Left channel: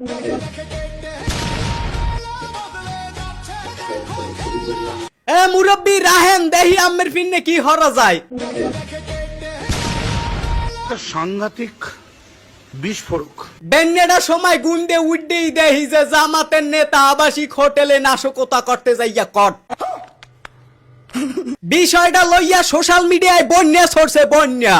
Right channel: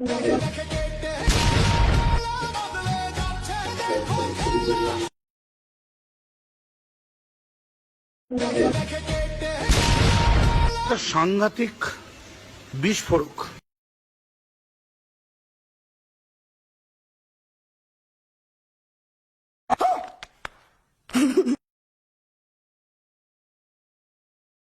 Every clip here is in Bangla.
এ মুরব্বী রাহেন দেহি আমের ফিন্নে কি হরা যায়। সাংঘাতিক বিস্ফোরক বেন্নেডা সময় গুন্ডে উড্ডেই দেহি যে জামাতের নেতা আবাসিক হোটেলে নাশকতা করতে যাইয়া কট। বিষয়টা লইয়া সোশ্যাল মিডিয়ায় বন্যা ছড়ছে বন্যা।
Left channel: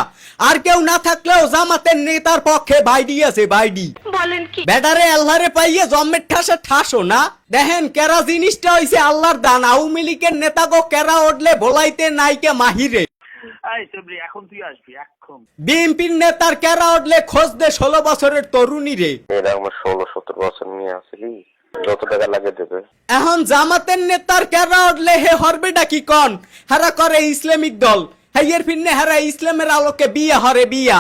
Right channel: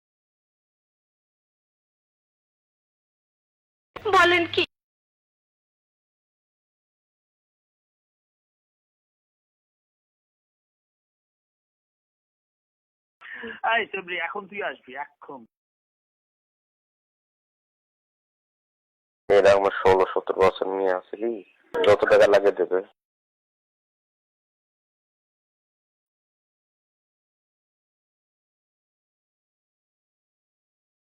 আর কেউ না থাকলেও জামাতের নেতার পক্ষে বাইডি আছে বাইডি। বলেন কি বেটারে আল্লাহরে পাইয়ে জম্মের ঠাসে ঠাসো না। দেখেন কেরা জিনিসটা হইছে আল্লাহর দান। আওয়ামী লীগের নেতা গো কেরা উঠলে ভোলাইতে নাইকে মাহিরে। এখন তুই আসবি এখন। বিএনপির নেতার কেরা উঠলে খোঁজ দে 16 বছরের তরুণী রে। এরা আমার 16-17 বছর নিয়ে আসলি যত টাকা লাগে দেবে। এখন জামাতের নেতার কেরা উঠলে হে হরবেটা কি কন হারা করে ইসলামিক দল। হাইয়ের ফিরনে হারা ইসলামের আলোকে বিয়া হরে বিয়া।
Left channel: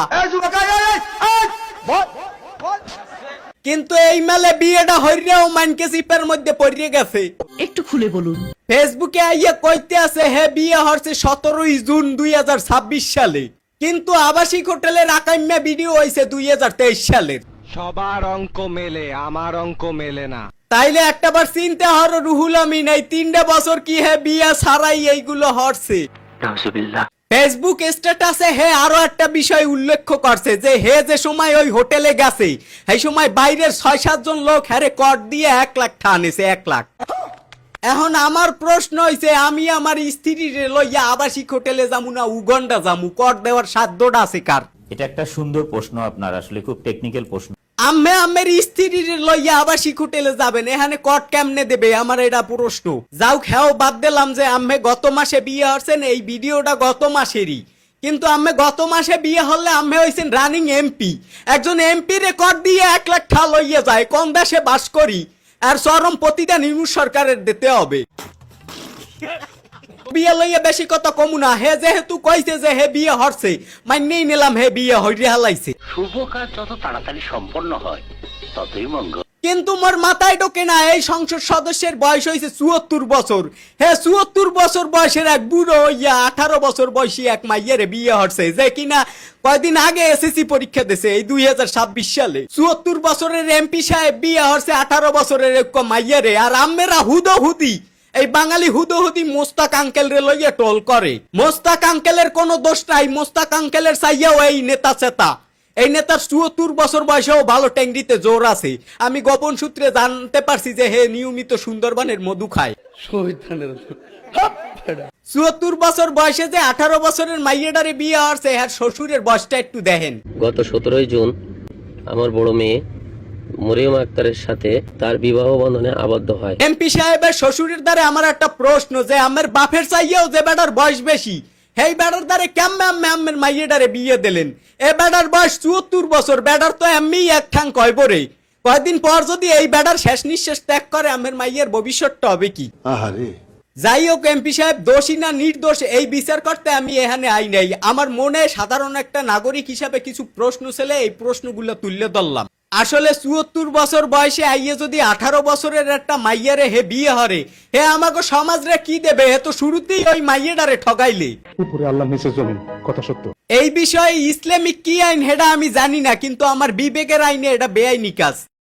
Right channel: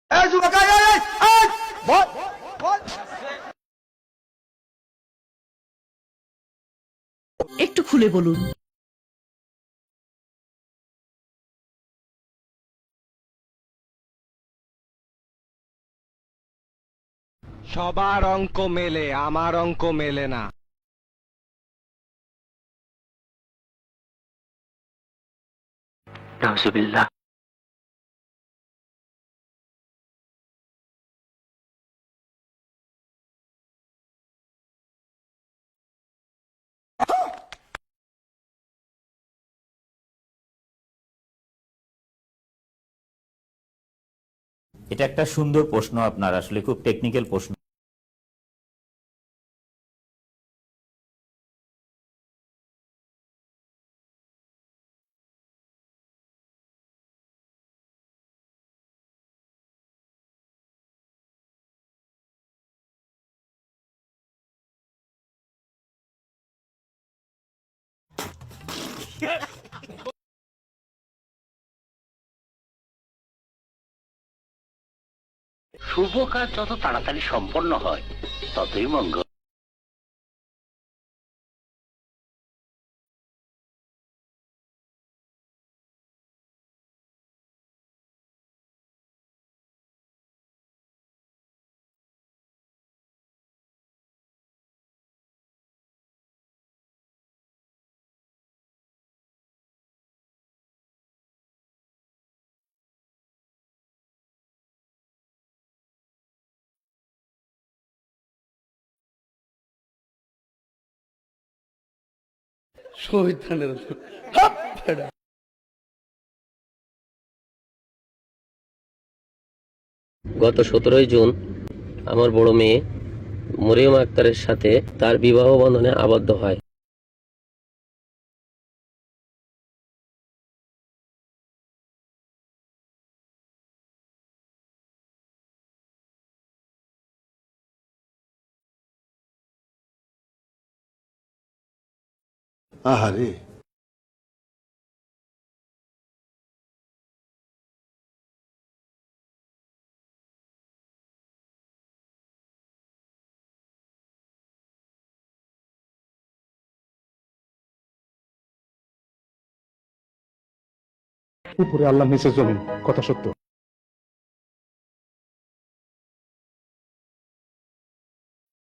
কিন্তু এই মেলে বিয়েটা হইরেও মানকে চিপের মধ্যে পড়িয়ে গেছে। একটু খুলে বলুন। ফেসবুকে আইয়া কইতে আছে হে বিয়ে হচ্ছে 17 জুন 2026 সালে, কিন্তু আবাসিক হোটেলের আকাইম্যা ভিডিও হইছে 2023 সালের। সবার অঙ্ক মেলে, আমার অঙ্ক মেলে না। তাইলে একটাবার চিন্তা হর রুহুল আমিন এই 3 বছর কি হে বিয়া ছাড়াই এইগুলো হচ্ছে। ফেসবুক স্ট্যাটাসে হে আরো একটা বিষয় উল্লেখ করছে যে হে যে সময় ওই হোটেলে গেছে সেই সময় বাইরের 6-7 জন লোক হ্যারে কর দিয়ে 1 লাখ টানেছে 1 লাখ। এখন আমার প্রশ্ন হইছে আমি আমার স্ত্রীর লইয়া আবাসিক হোটেলে যামু না উগান্ডা যামু, কর দেওয়ার সাধ্যটা আছে কার? এটা একটা সুন্দর প্রশ্ন আপনার, আসলে খুব টেকনিক্যাল প্রশ্ন। আম্মে আম্মের স্ত্রীর লইয়া আবাসিক হোটেলে যাবেন, এখানে কট কেমনে দেবে আমার এটা প্রশ্ন। যাও খেও বাদ দিলাম যে আম্মে গত মাসে বিয়ে হচ্ছেন, এই ভিডিওটা গত মাসেরই, কিন্তু আম্মে গত মাসে বিয়ে হলে আম্মে হইছেন রানিং এমপি। একজন এমপি রে কট দিয়ে 1 লাখ টাকা লইয়া যায়, কোন দেশে বাস করি? আর চরম প্রতিদান ইউনুস সরকারের দিতে হবে। বিয়ে লইয়া বেশি কথা কমু না। হে যেহেতু কইছে যে হে বিয়ে হচ্ছে মাইনেই নিলাম হে বিয়ে হইরে হালাইছে। শুভ কাজ যত তাড়াতাড়ি সম্পন্ন হয় ততই মঙ্গল। কিন্তু মোর মাথায় ঢোকে না এই সংসদ সদস্যের বয়স হইছে 74 বছর। হে 74 বছর বয়সের এক বুড়ো হইয়া 18 বছর বয়সী এক মাইয়ের বিয়ে হচ্ছে, যে কিনা কয়দিন আগে এসএসসি পরীক্ষা দিছে এই 2026 সালে। 74 বছরের এমপি সাহেব বিয়ে হচ্ছে 18 বছরের এক মাইয়ারে। আর আম্মেরা হুদহুদি এই বাঙালি হুদহুদি মোস্তাক আঙ্কেল রে লইয়া টোল করে। মোস্তাক আঙ্কেলের কোনো দোষ নাই, মোস্তাক আঙ্কেলের চাইয়াও এই নেতা চেতা। এই নেতার 74 বছর বয়সেও ভালো ট্যাংরিতে জোর আছে। আমি গোপন সূত্রে জানতে পারছি যে হে নিয়মিত সুন্দরবনের মধু খায়। 74 বছর বয়সে যে 18 বছরের মাইয়াডারে বিয়ে হচ্ছে, আর শ্বশুরের বয়সটা একটু দেখেন। গত 17 জুন আমার বড় মেয়ে মরিয়ম আক্তারের সাথে তার বিবাহ বন্ধনে আবদ্ধ হয়। এমপি সাহেবের শ্বশুরের দ্বারে আমার একটা প্রশ্ন যে আমার বাপের চাইয়াও যে বেটার বয়স বেশি, হেই বেটার দ্বারে কেমনে আম্মের মাইয়াডারে বিয়ে দিলেন? এ বেটার বয়স 74 বছর, বেটার তো এমনি এক ঠাং কয় বরে। কয়েকদিন পর যদি এই বেটার শেষ নিঃশ্বাস ত্যাগ করে আমের মাইয়ের ভবিষ্যৎটা হবে কি? যাই হোক, এমপি সাহেব দোষী না নির্দোষ এই বিচার করতে আমি এখানে আই নাই। আমার মনে সাধারণ একটা নাগরিক হিসাবে কিছু প্রশ্ন ছিল, এই প্রশ্নগুলো তুললে ধরলাম। আসলে 74 বছর বয়সে আইয়ে যদি 18 বছরের একটা মাইয়ারে হে বিয়ে হরে, হে আমাকে সমাজ রে কি দেবে? হে তো শুরুতেই ওই মাইয়াটারে ঠগাইলে। উপরে আল্লাহ নিচে জমিন, কথা সত্য। এই বিষয়ে ইসলামিক কি আইন হেডা আমি জানি না, কিন্তু আমার বিবেকের আইনে এটা বেআইনি কাজ।